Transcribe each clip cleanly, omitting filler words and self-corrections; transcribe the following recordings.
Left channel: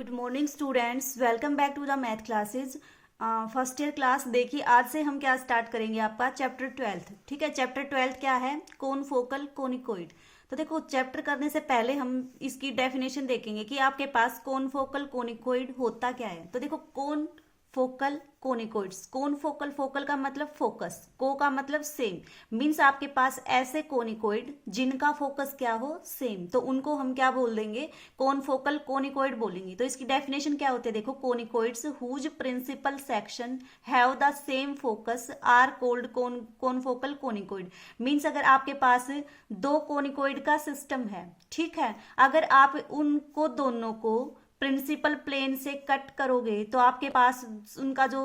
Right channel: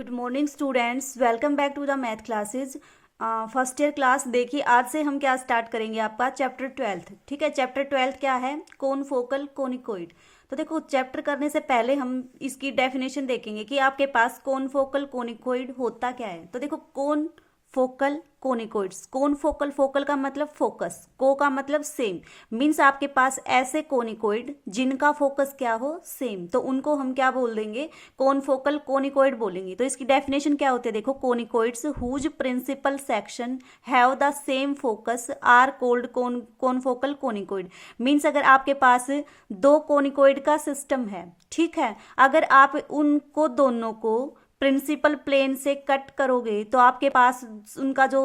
Good morning students, welcome back to the math classes. First year class देखिए, आज से हम क्या स्टार्ट करेंगे, आपका चैप्टर 12। ठीक है, चैप्टर 12 क्या है? कोन फोकल कोनिकोइड। तो देखो, चैप्टर करने से पहले हम इसकी डेफिनेशन देखेंगे कि आपके पास कोन फोकल कोनिकोइड होता क्या है। तो देखो, कोन फोकल कोनिकोइड्स, कोन फोकल, फोकल का मतलब फोकस, को का मतलब सेम, मीन्स आपके पास ऐसे कोनिकोइड जिनका फोकस क्या हो, सेम, तो उनको हम क्या बोल देंगे, कोन फोकल कोनिकोइड बोलेंगे। तो इसकी डेफिनेशन क्या होती है, देखो, conicoids whose principal section have the same focus are called confocal conicoid. Means अगर आपके पास दो कोनिकोइड का सिस्टम है, ठीक है, अगर आप उनको दोनों को प्रिंसिपल प्लेन से कट करोगे तो आपके पास उनका जो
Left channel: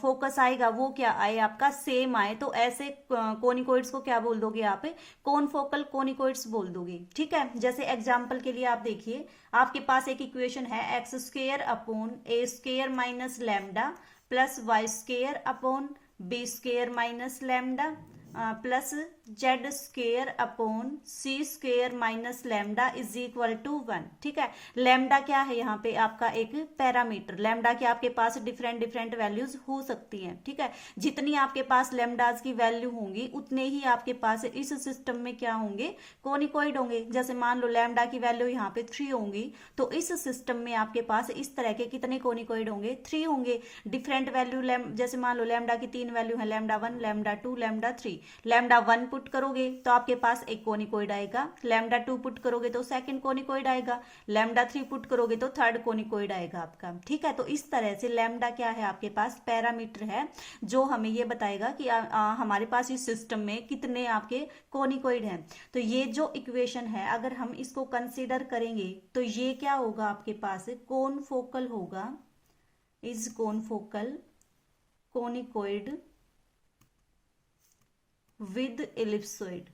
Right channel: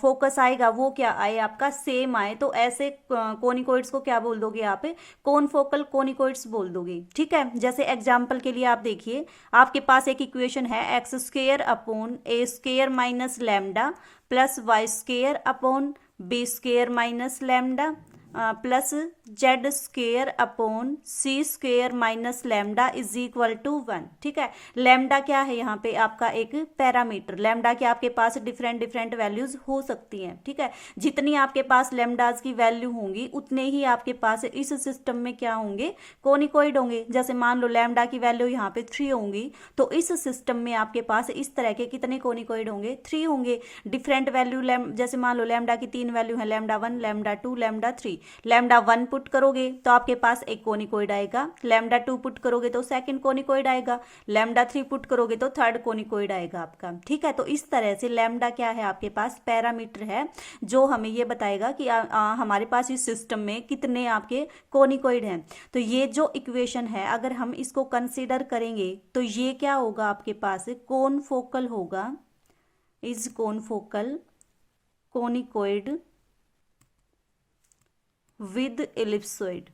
फोकस आएगा वो क्या आए, आपका सेम आए, तो ऐसे कोनिकोइड्स को क्या बोल दोगे आप, कोन फोकल कोनिकोइड्स बोल दोगे। ठीक है, जैसे एग्जांपल के लिए आप देखिए, आपके पास एक इक्वेशन है x square upon a square minus lambda plus y square upon b square minus lambda plus z square upon c square minus lambda is equal to 1। ठीक है, लैम्डा क्या है, यहाँ पे आपका एक पैरामीटर, लैम्डा के आपके पास डिफरेंट डिफरेंट वैल्यूज हो सकती हैं। ठीक है, जितनी आपके पास लैम्डाज की वैल्यू होंगी उतने ही आपके पास इस सिस्टम में क्या होंगे, कोनिकोइड होंगे। जैसे मान लो लैम्डा की वैल्यू यहाँ पे 3 होंगी, तो इस सिस्टम में आपके पास इस तरह के कितने कोनिकोइड होंगे, 3 होंगे। डिफरेंट वैल्यू जैसे मान लो लैम्डा की 3 वैल्यू है, lambda 1, lambda 2, lambda 3। Lambda 1 put करोगे तो आपके पास एक कोनिकोइड आएगा, लैम्डा 2 पुट करोगे तो सेकंड कोनिकोइड आएगा, लैम्डा 3 पुट करोगे तो थर्ड कोनिकोइड आएगा आपका। ठीक है, तो इस तरह से लैम्डा क्या है, आपके पास पैरामीटर है जो हमें ये बताएगा कि हमारे पास इस सिस्टम में कितने आपके कोनिकोइड हैं। तो ये जो इक्वेशन है, अगर हम इसको कंसीडर करेंगे तो ये क्या होगा, आपके पास कोन फोकल होगा, is confocal conicoid with ellipsoid.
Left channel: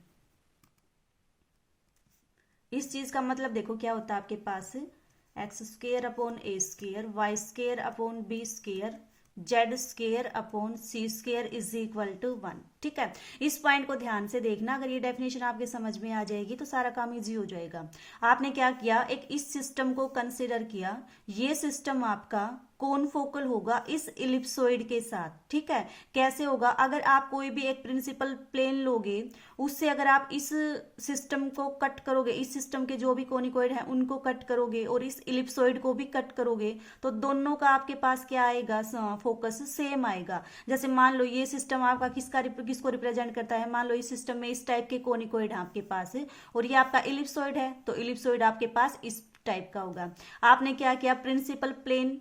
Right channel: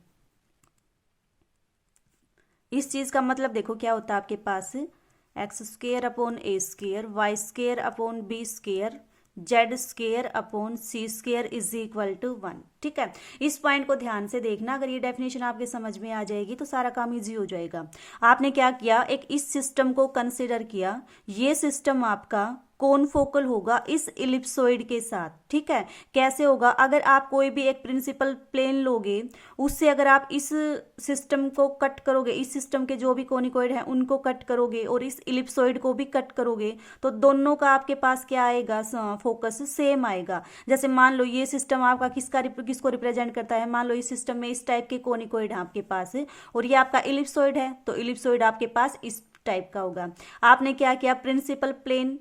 इस चीज का मतलब देखो क्या होता है, आपके पास x square upon a square, y square upon b square, z square upon c square is equal to 1। ठीक है, इस पॉइंट को ध्यान से देखना, अगर ये डेफिनेशन आपके समझ में आ जाएगी तो सारा काम इजी हो जाएगा। आपने क्या किया, एक इस सिस्टम को कंसिडर किया, ये सिस्टम आपका कोन फोकल होगा इस इलिप्सोइड के साथ। ठीक है, कैसे होगा, अगर आप कोई भी एक प्रिंसिपल प्लेन लोगे, उससे अगर आप इस सिस्टम को कट करोगे, इस सिस्टम के जो भी कोनिकोइड हैं उनको कट करोगे और इस इलिप्सोइड को भी कट करोगे, तो दोनों का आपके पास क्या आएगा, फोकस सेम आएगा। जैसे मान लो ये सिस्टम आपका किसको रिप्रेजेंट करता है, मान लो इस सिस्टम में इस टाइप के कोनिकोइड है आपके पास और ये आपका इलिप्सोइड है, तो इलिप्सोइड आपके पास इस टाइप का होगा। आपने क्या किया, प्रिंसिपल प्लेन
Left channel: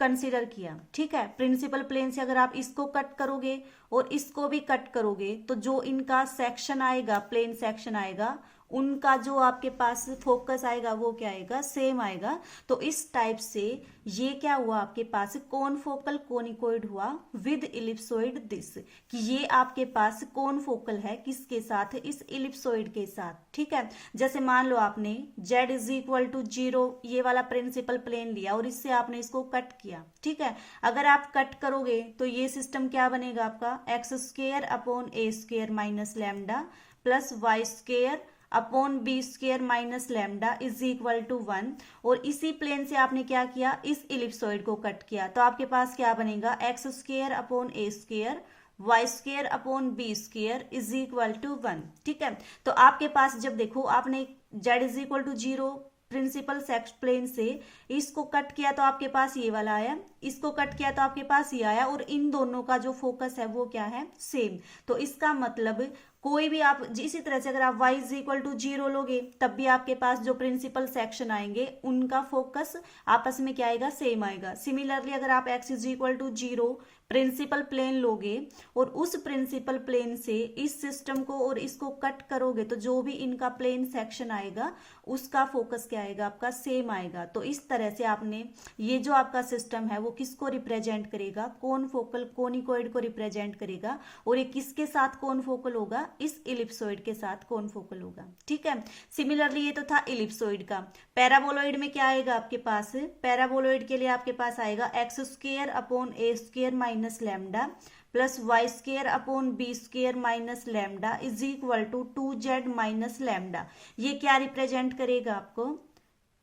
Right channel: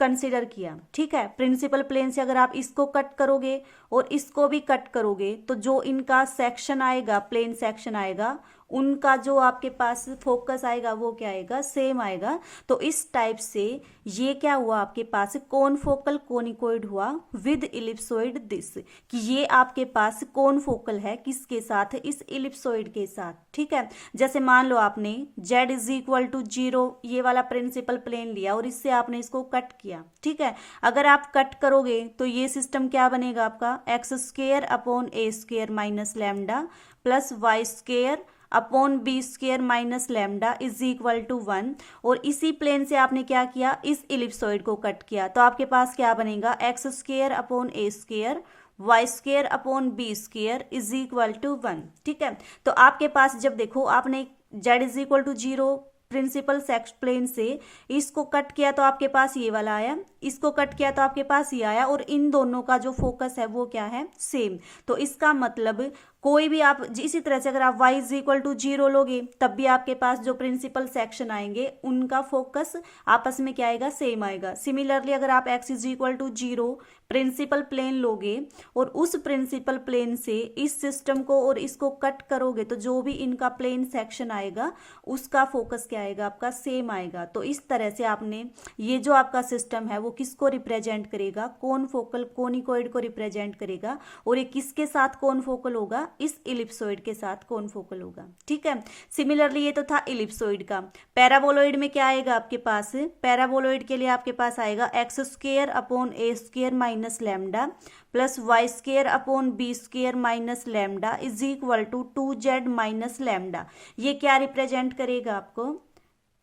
कंसीडर किया। ठीक है, प्रिंसिपल प्लेन से अगर आप इसको कट करोगे और इसको भी कट करोगे तो जो इनका सेक्शन आएगा, प्लेन सेक्शन आएगा, उनका जो आपके पास फोकस आएगा वो क्या आएगा, सेम आएगा। तो इस टाइप से ये क्या हुआ, आपके पास कोन फोकल कोनिकोइड हुआ विद इलिप्सोइड दिस, कि ये आपके पास कोन फोकल है किसके साथ, इस इलिप्सोइड के साथ। ठीक है, जैसे मान लो आपने z इज इक्वल टू 0 ये वाला प्रिंसिपल प्लेन लिया और इससे आपने इसको कट किया। ठीक है, अगर आप कट करोगे तो ये सिस्टम क्या बनेगा, आपका x square upon a square minus lambda plus y square upon b square minus lambda is equal to 1। और इसी प्लेन से आपने क्या किया, इस इलिप्सोइड को कट किया, तो आपके पास क्या बनेगा, x square upon a square y square upon b square is equal to 1। ठीक है, तो आपके पास जब देखो आपने z is equal to 0 principal axes plane से इसको कट किया तो आपके पास ये वाला आया, इसको कट किया तो आपके पास ये आया, और इन दोनों का जो फोकस है वो क्या है, सेम। तो इसका मतलब कोई भी आप इसी तरह से अगर आप y इज इक्वल टू 0 लोगे तब भी आपके पास जो प्रिंसिपल सेक्शन आएंगे उनका फोकस आपस में क्या आएगा, सेम आएगा। सिमिलरली अगर आप x is equal to 0 principal plane लोगे और उस प्रिंसिपल प्लेन से इस सिस्टम को और इसको कट करोगे तो जो भी इनका प्लेन सेक्शन आएगा उसका फोकस क्या आएगा, आपका सेम आएगा। तो इस तरह से आपने ये जो आपका सिस्टम है वो किसको रिप्रेजेंट करेगा, कोन फोकल कोनिकोइड को रिप्रेजेंट करेगा, और ये किसके साथ कोन फोकल होगा, इस इलिप्सोइड के साथ कोन फोकल होगा। ठीक है, सिमिलरली ये तो था इलिप्सोइड का। पैराबोलॉइड में क्या आएगा आपके पास, पैराबोलॉइड के लिए आपके पास आएगा x square upon a square minus lambda plus y square upon b square minus lambda is equal to 2z minus lambda. ये क्या रिप्रेजेंट करेगा आपको,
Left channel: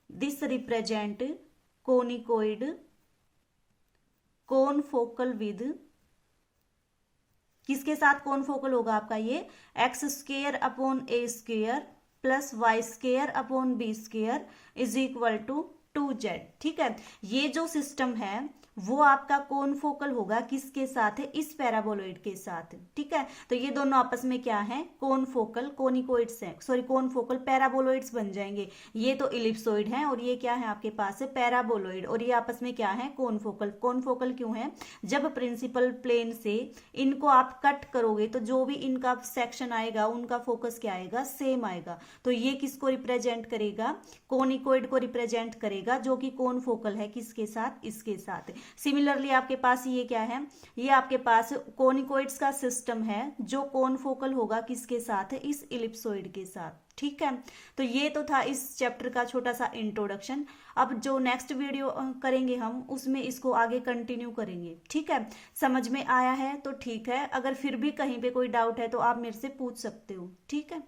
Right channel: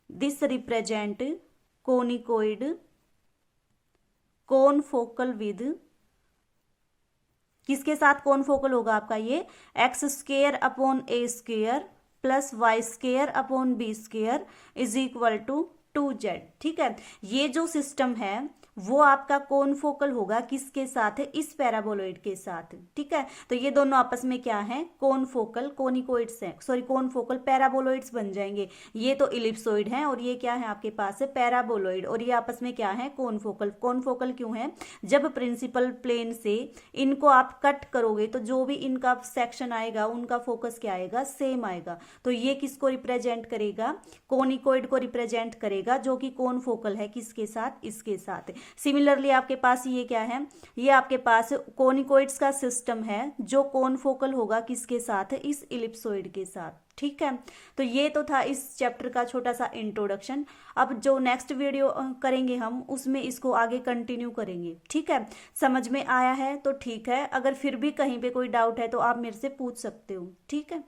this represent conicoid confocal with, किसके साथ कोनफोकल होगा आपका ये, x square upon a square plus y square upon b square is equal to 2z। ठीक है, ये जो सिस्टम है वो आपका कोनफोकल होगा किसके साथ है, इस पैराबोलॉइड के साथ। ठीक है, तो ये दोनों आपस में क्या है, कोनफोकल कोनिकोइड्स हैं, सॉरी कोनफोकल पैराबोलॉइड्स बन जाएंगे। ये तो इलिप्सोइड है और ये क्या है आपके पास पैराबोलॉइड, और ये आपस में क्या है, कोनफोकल। कोनफोकल क्यों है, जब प्रिंसिपल प्लेन से इनको आप कट करोगे तो जो भी इनका सेक्शन आएगा उनका फोकस क्या आएगा, सेम आएगा। तो ये किसको रिप्रेजेंट करेगा, कोनिकोइड को रिप्रेजेंट करेगा, जो कि कोनफोकल है किसके साथ, इसके साथ। सिमिलरली आपके पास ये क्या है, ये आपके पास कोनिकोइड्स का सिस्टम है जो कोनफोकल होगा किसके साथ, इस इलिप्सोइड के साथ। ठीक है, तो ये तो था इस चैप्टर का छोटा सा इंट्रोडक्शन। अब जो नेक्स्ट वीडियो करेंगे हम उसमें इसको आगे कंटिन्यू करेंगे। ठीक है, समझ में आया है तो ठीक है, अगर फिर भी कहीं पे कोई डाउट है तो आप मेरे से पूछ सकते हो। ठीक है।